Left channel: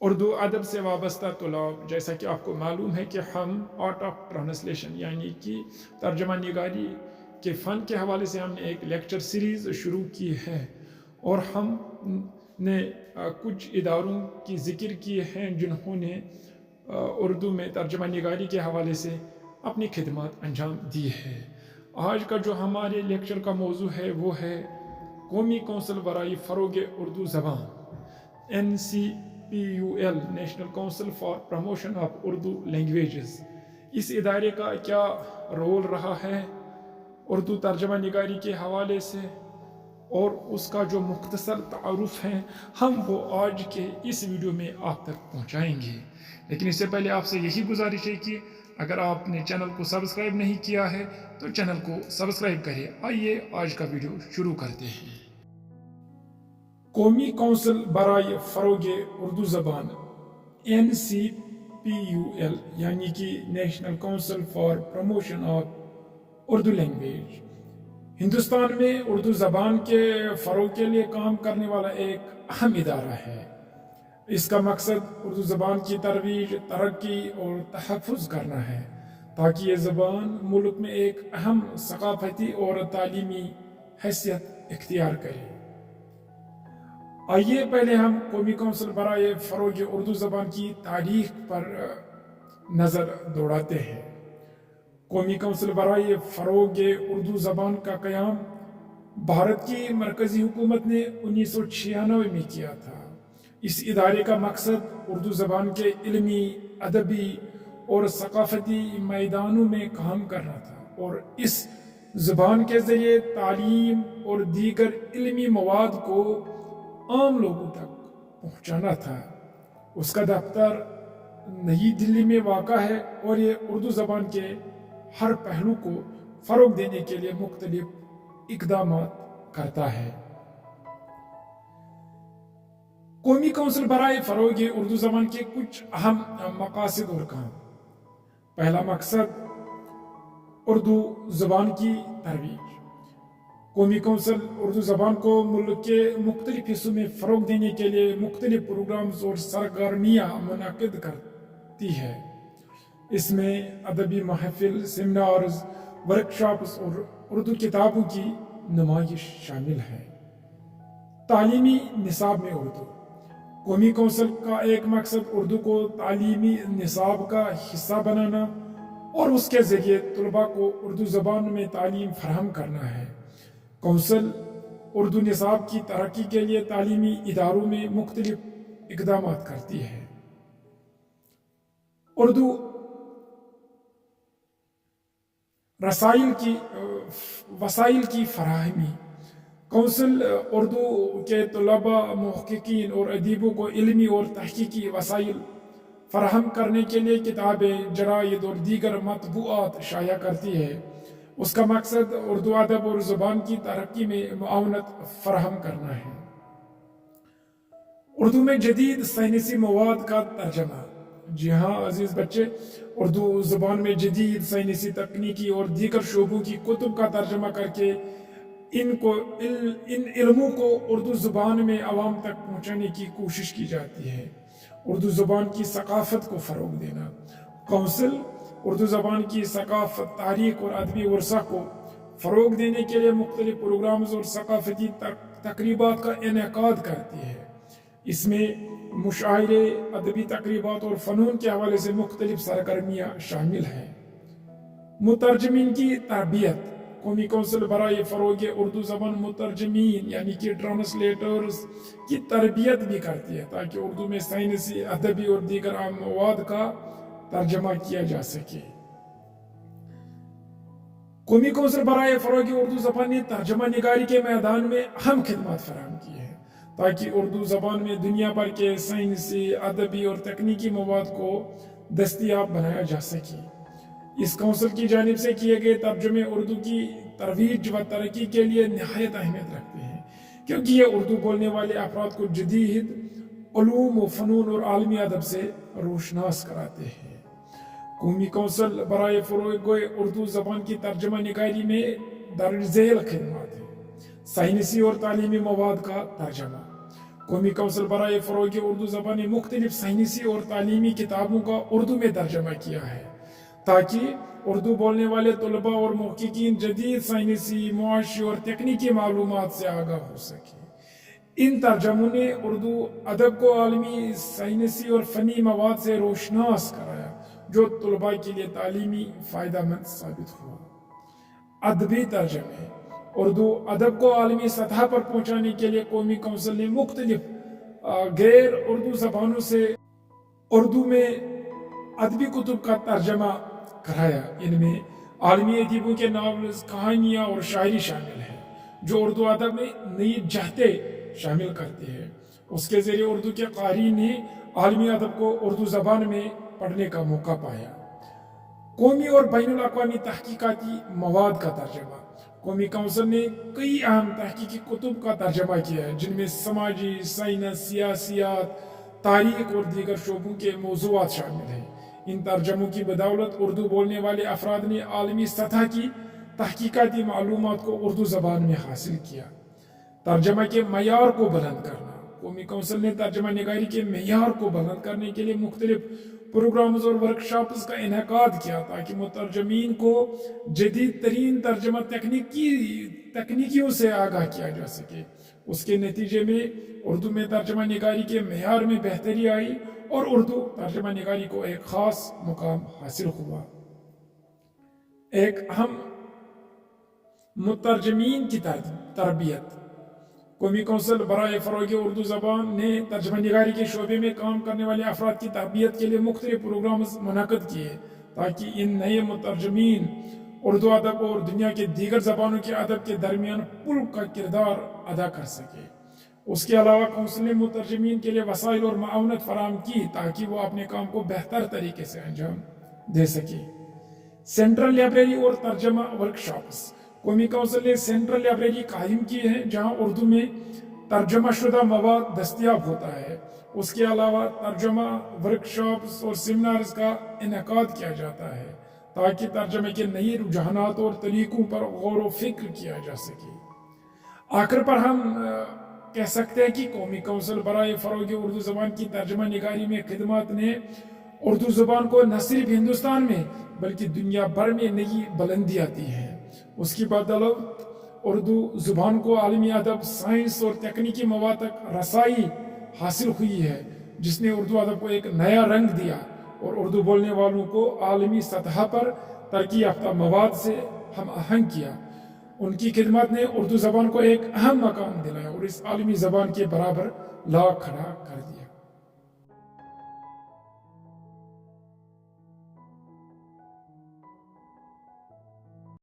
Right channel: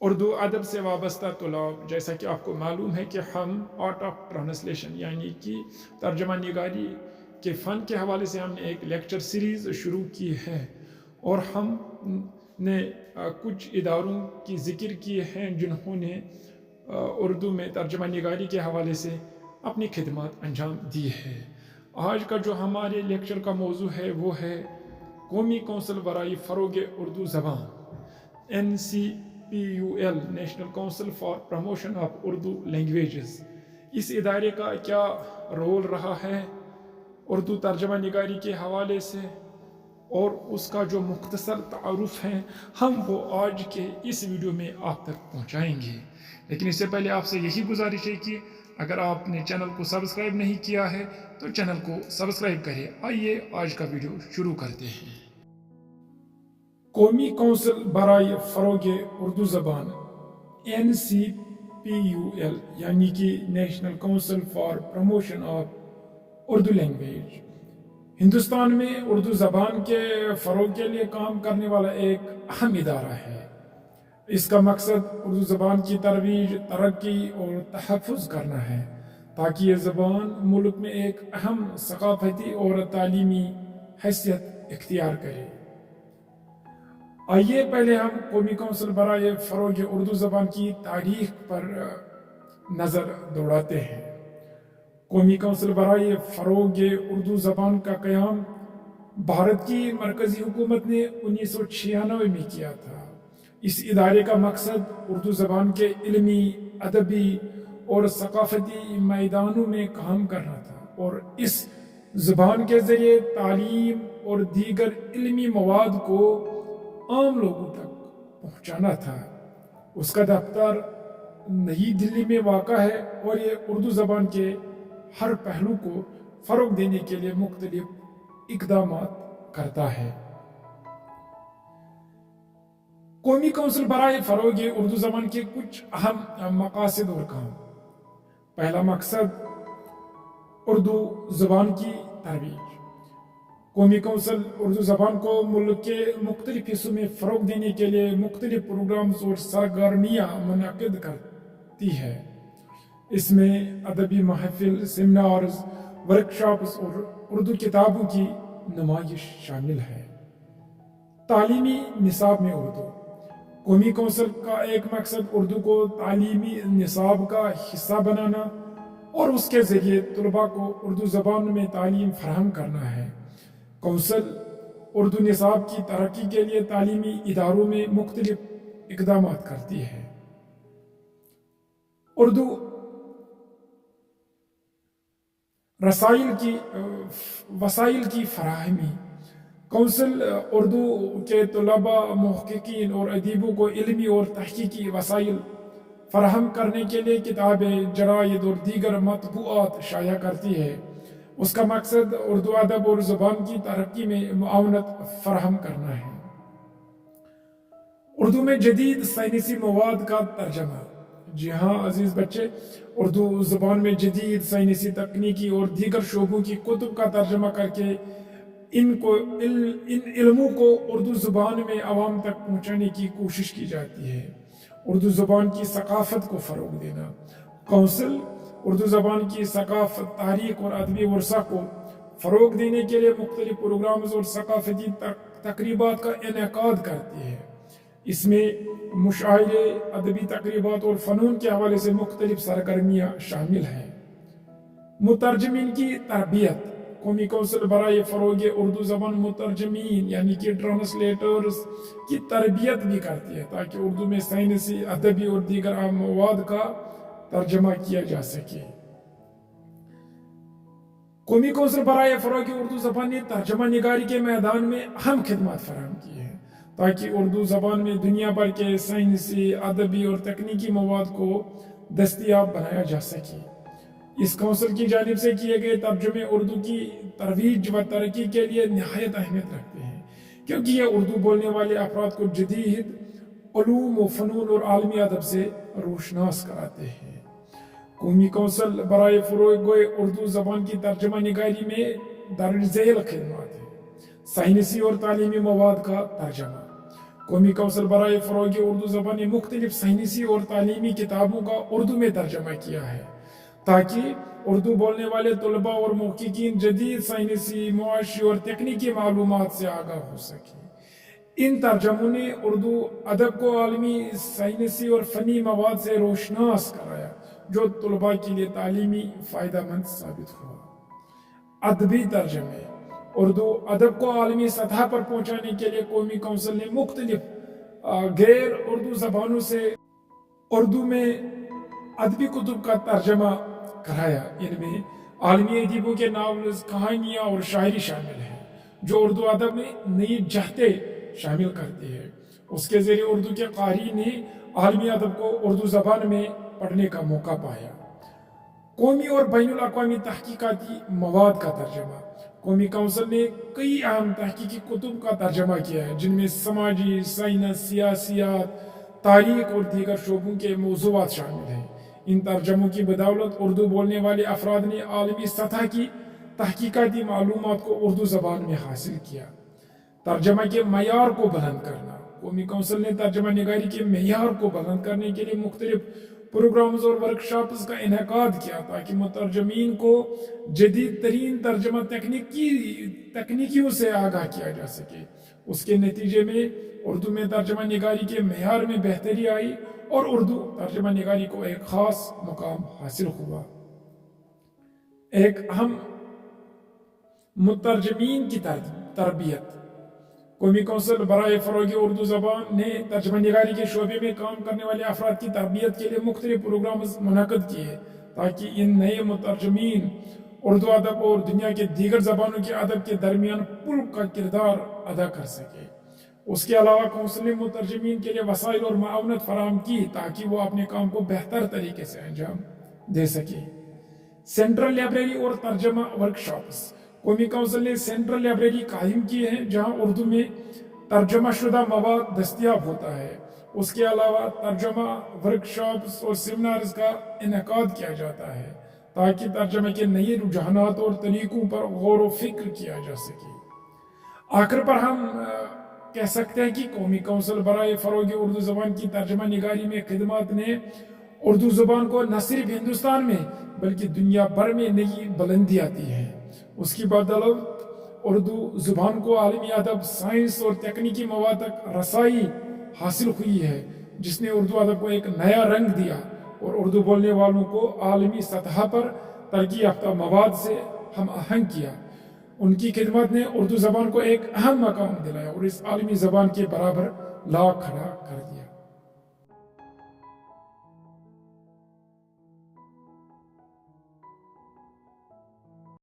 اردو ادب سے وابستہ طلاب، جیسا کہ آپ کو معلوم ہے کہ ہم آرٹ آف ٹرانسلیشن یعنی کہ ترجمہ نگاری کے فن کے حوالے سے ہم نے ایک لیکچر سیریز شروع کی ہے، اور ہم نے کچھ اداروں کی ذکر کیے ہیں جنہوں نے اردو میں ترجمہ نگاری کے حوالے سے اپنی خدمات انجام دی ہے۔ آج کا جو ہمارے لیکچر کا موضوع ہے وہ ہے قومی کونسل برائے فروغ اردو زبان، NCPUL national council for promotion of Urdu languages. اس ادارے کا کیا رول رہا ہے اردو ترجمہ نگاری کے حوالے سے، اور اس کا جو مختصر تعارف ہے ہم وہ آج کے اس ویڈیو میں آپ تک پہنچائیں گے۔ لیکن اس سے پہلے آپ سے یہی گزارش ہے کہ اگر آپ نے چینل کو سبسکرائب نہیں کیا ہے تو چینل کو سبسکرائب کریں۔ آئیے آج کا ویڈیو شروع کرتے ہیں۔ قومی کونسل برائے فروغ اردو زبان NCPUL یعنی کہ national council for promotion of Urdu language Hindustan میں اردو زبان کے فروغ کے لیے کام کرنے والا ایک اہم ادارہ ہے۔ اس کا مقصد اردو زبان کی ترویج، ترقی اور تحفظ کرنا ہے تاکہ یہ زبان ملک میں ایک اہم ثقافتی اور تعلیمی حیثیت اختیار کرے۔ آئیے پہلے ہم قومی کونسل برائے فروغ اردو زبان کی تاریخ پر نظر دوڑاتے ہیں۔ قومی کونسل برائے فروغ اردو زبان کا قیام بھارت کی مرکزی حکومت نے 1996 میں کیا تھا۔ اس ادارے کا مقصد اردو زبان کے علمی، ادبی اور ثقافتی میدانوں میں کام کرنا تھا اور اس زبان کے ذریعے تعلیم اور دیگر علمی مواد کو عام لوگوں تک پہنچانا تھا۔ اس کا دفتر نئی دلی میں واقع ہے اور یہ اردو زبان کے ہر پہلو کو فروغ دینے کے لیے مختلف اقدامات کرتا ہے۔ قومی کونسل برائے فروغ اردو زبان کے کچھ اہم مقاصد اور کام۔ پہلا مقصد اردو زبان کی ترویج۔ قومی کونسل اردو زبان کو ملک کے مختلف حصوں میں فروغ دینے کے لیے مختلف پروگرامز اور سرگرمیاں منعقد کرتی ہے۔ اس میں ادبی محافل، سیمینارز، ورکشاپس اور اردو کتابوں کی نمائش شامل ہے۔ تعلیمی نصاب میں اردو۔ قومی کونسل کا ایک مقصد اردو کو تعلیمی نصاب کا حصہ بنانا اور اس کے ذریعے طلباء کو اردو زبان میں تعلیم فراہم کرنا ہے۔ کونسل اردو نصاب کی ترقی کے لیے تعلیمی اداروں میں مختلف اقدامات کرتی ہے۔ اردو وسائل کی فراہمی۔ کونسل اردو کے طلباء، محققین اور ادیبوں کو علمی اور تحقیقی وسائل فراہم کرنے کے لیے کتابیں، جرائد اور دیگر مطبوعات شائع کرتی ہے۔ اس کا مقصد اردو ادب اور زبان کی ترقی میں معاونت فراہم کرنا ہے۔ اردو میں جدید سائنسی مواد کا ترجمہ۔ جی ہاں عزیز بچے، اردو زبان میں جدید سائنسی، تکنیکی اور دیگر شعبوں کی کتب کا ترجمہ کر کے ان علموں کو اردو زبان میں عوام تک پہنچانے کی کوشش کی جاتی ہے۔ اردو زبان کی ثقافت کو فروغ دینا۔ کونسل اردو زبان کی ثقافت، تاریخ اور ادبی ورثہ کو فروغ دینے کے لیے مختلف پروگرامز اور ثقافتی تقریبات کا انعقاد کرتی ہے۔ اس میں مشاعرے، ادبی تقریبات اور فنون کے حوالے سے مختلف سرگرمیاں شامل ہیں۔ مترجمین کی تربیت۔ قومی کونسل برائے فروغ اردو زبان مترجمین یعنی کہ ٹرانسلیٹرز کی تربیت بھی کرتی ہے تاکہ اردو میں سائنسی، ادبی اور دیگر عام مواد کا ترجمہ کیا جا سکے۔ قومی کونسل برائے فروغ اردو زبان نے ترجمہ نگاری کے میدان میں اہم خدمات فراہم کی ہیں تاکہ اردو زبان میں دنیا بھر کے سائنسی، ادبی اور تکنیکی مواد کو دستیاب بنایا جا سکے۔ اس کونسل کی جانب سے کیے گئے ترجمے اردو کی ترویج و ترقی کے لیے نہایت اہمیت رکھتے ہیں کیونکہ یہ اردو بولنے والے افراد کو جدید علوم و فنون اور عالمی ادب سے روشناس کراتے ہیں۔ قومی کونسل برائے فروغ اردو زبان کی ترجمہ نگاری میں درج ذیل خدمات ہیں۔ سائنسی اور تعلیمی مواد کا ترجمہ۔ قومی کونسل برائے فروغ اردو زبان نے مختلف سائنسی اور تعلیمی کتابوں کا اردو میں ترجمہ کیا ہے تاکہ اردو بولنے والے طلباء اور محققین جدید سائنسی، معاشی اور تکنیکی معلومات سے آگاہ ہو سکیں۔ ان ترجموں نے اردو ادب کو عالمی سائنسی اور فنی مواد سے روشناس کرایا جو طلباء کے لیے تعلیمی فائدہ مند ثابت ہوا۔ ادبی ترجمے اردو ادب کو عالمی سطح پر پہنچانے کے لیے قومی کونسل نے مختلف غیر اردو زبانوں سے اردو میں ادبی کتب کا ترجمہ کرایا۔ ان میں عالمی ادیبوں کے ناولز، کہانیاں اور شاعری شامل ہیں جو اردو ادب میں نئی جہتیں شامل کرتی ہے۔ اس کے ذریعے اردو کے قارئین نے عالمی ادب کو اردو زبان میں پڑھنے کا موقع پایا۔ قومی اور بین الاقوامی تحقیقاتی مواد کا ترجمہ قومی کونسل نے کئی اہم تحقیقی کتب کا ترجمہ کیا ہے جن میں سماجی، سائنس، سیاسیات، تاریخ اور دیگر شعبوں کے موضوعات شامل ہیں۔ ان ترجموں کی بدولت اردو بولنے والے افراد نے عالمی سطح کی تحقیقاتی معلومات کو اردو زبان میں حاصل کیا۔ ترجمہ کے معیار کو بلند کرنا قومی کونسل نے ترجمہ نگاری کے معیار کو بلند کرنے کے لیے مختلف پروگرامز اور ورکشاپس کا انعقاد کیا تاکہ مترجمین کو جدید ترین ترجمہ تکنیکیوں سے آگاہ کیا جا سکے۔ اس کے نتیجے میں اردو میں ترجمہ نگاری کے معیار میں بہتری آئی اور اردو ترجمہ نگاری کو ایک خاص مقام حاصل ہوا۔ ایک اہم مترجمین کی تربیت قومی کونسل برائے فروغ اردو زبان نے ترجمہ نگاری کے شعبے میں کام کرنے والے افراد کی تربیت کے لیے مختلف پروگرامز منعقد کیے تاکہ ان نئے مترجمین اردو ادب اور دنیا کے دیگر زبانوں کے ادب کے درمیان پل کا کردار ادا کر سکے۔ اس کے علاوہ کونسل نے مترجمین کے لیے وسائل اور معاونت فراہم کی تاکہ وہ اپنے کام کو بہتر طریقے سے انجام دے سکے۔ سینٹرل لائبریری اور ترجمہ ورکشاپس قومی کونسل نے سینٹرل لائبریری قائم کی ہے جہاں اردو میں ترجمہ شدہ مواد دستیاب ہوتا ہے۔ اس کے علاوہ ترجمہ ورکشاپس اور سیمینارز کا انعقاد کیا جاتا ہے تاکہ ترجمہ کے نئے رجحانات اور طریقوں پر غور و فکر کیا جا سکے۔ آخر پر ہم کہہ سکتے ہیں کہ قومی کونسل برائے فروغ اردو زبان کی ترجمہ نگاری میں خدمات نے اردو زبان کو نہ صرف ہندوستان میں بلکہ دنیا بھر میں نئی بلندیاں دی ہیں۔ اس کی بدولت اردو زبان کو عالمی ادب، سائنس اور تکنیکی مواد تک رسائی حاصل ہوئی ہے جس نے اردو ادب کو ایک نیا رنگ دیا اور اردو بولنے والوں کو عالمی سطح پر ترقی یافتہ مواد سے ہم آہنگ کیا۔ ان کی خدمات نے اردو زبان کو ایک اہم مقام دلایا اور اس عالمی زبان کے برابر لا کھڑا کر دیا۔